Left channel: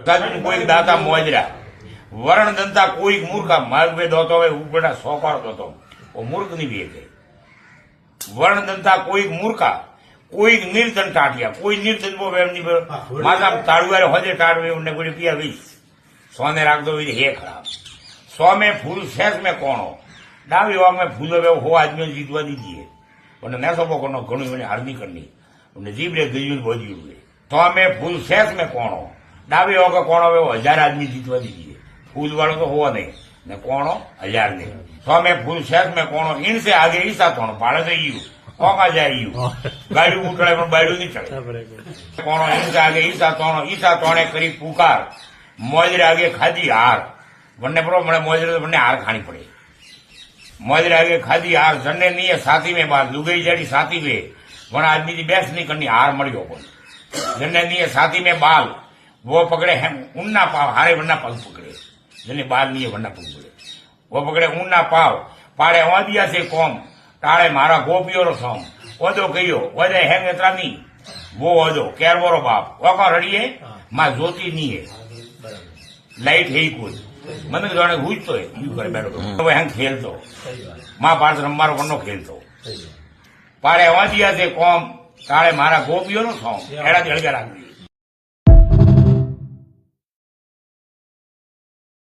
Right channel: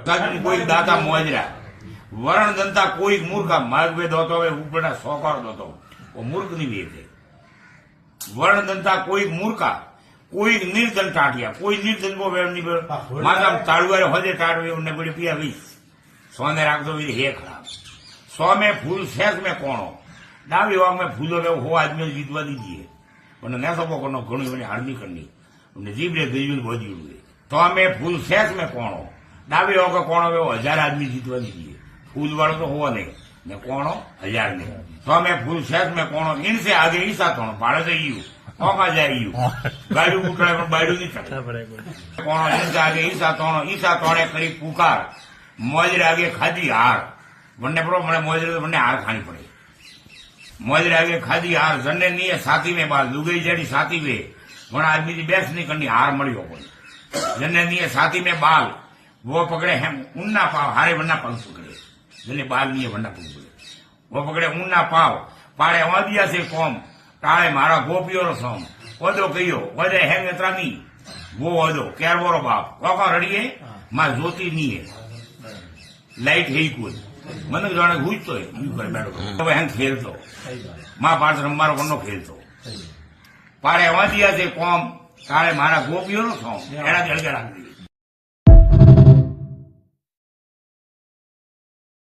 કોઈક દાતા મોજરા વરણ દંતા કોઈક મૂર્ખા માર્ગવે દોતો હવે ઉપરના સોપાળ દોતો મૂર્ખ ની બે છે વરણ દંતા કોઈક મૂર્ખા કોઈક નિર્ધન ટાટિયા કોઈ નિર્ધન એમની માતા તાળુવારે હજે ટાળવે એમને કોઈ પિયા વીસ સોને રાખતો હે ખરાબ સો में फूल शेष में कोणो डावी वाग में फूलो वे हो आदमी जीतवा दीजिए उन्हें न सबो को घणु घणी हारनी करनी उन्हें जीबड़े गई बोधी हुए तो में फूल शेष में कोणो डावी वाग कोणो वे 1000 आदमी जीतवा दीजिए फूल वालों तो हो नहीं न कोणो 1000 नहीं तो में फूल शेष में कोणो इनसे आगे ईसा कोणो भाड़े से यू औका जाए यू गाड़ी उठड़े में बाड़ू नहीं चढ़े कोणो इनसे आगे ईसा तोणे करी पुकार मोजरे आगे खादी हार वन्ने प्रो मैंने मोजरे वन्ने हार खानी पड़े मोजरे आगे खादी हार जन्ने नहीं है साथी में बार लुगई जड़ी साथी में वना आदमी की बैस नहीं करनी हार मड़ी हो जन्ने नहीं है साथी में बाल वो पकड़े हैं उन्ना पाव हारे वन्ना पग पकड़े जन्ने बाल नहीं है वन्ना पग पकड़े वो पकड़े उन्ना पाव पाड़े वादिया से कौम टाड़े मारा गोपियों रो सोम ओदो कहियो वदे हेंग त्रानी वो ओदो केरवोरो बाप कोका रड़िए मां ज्योति नहीं है लाइट है कोई मन जाने गुजतो है यू कर बैठो हेंग खेलतो मां पास रमारो वन्नो खेलतो पाड़े वादिया से कौम टाड़े मारा गोपियों रो सोम एड़ा जलगा राखी